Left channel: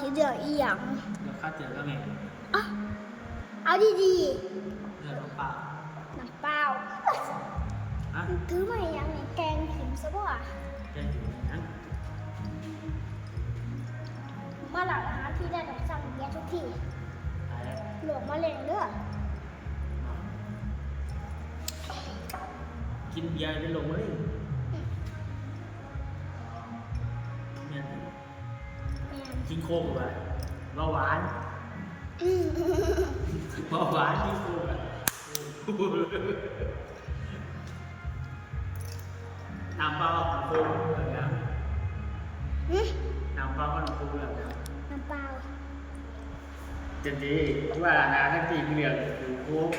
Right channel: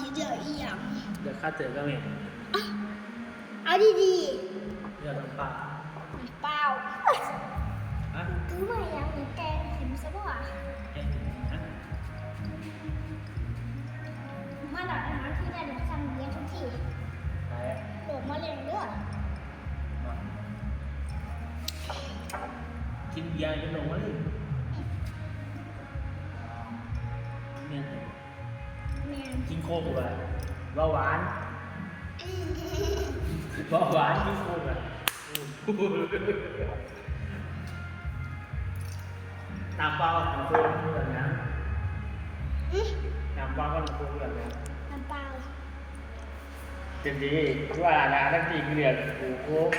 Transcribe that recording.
ข้าเตือนก็ไม่อะเอาดีเลือกน้ำเปล่าๆน้ำเปล่าฮะถือมาอย่างนี้แกงเข็มซะบ่แกงจืดนะมาหลังอาหารที่ได้หนูสั่งเบียร์ทุกทีแต่หลบมาเล่นเด้อบอกกินเบียร์จะลงมาเลยเนี่ย กินโค้กเลยเบาหวานอืมเบาหวานกินโค้กเลยน้ำเปล่ากับน้ำโค้กแบบนี้อืมน้ำเปล่ากับน้ำโค้กแบบนี้น้ำเปล่าเต็มที่ว่าร้านตั้งตีเหลืองกูโค้ก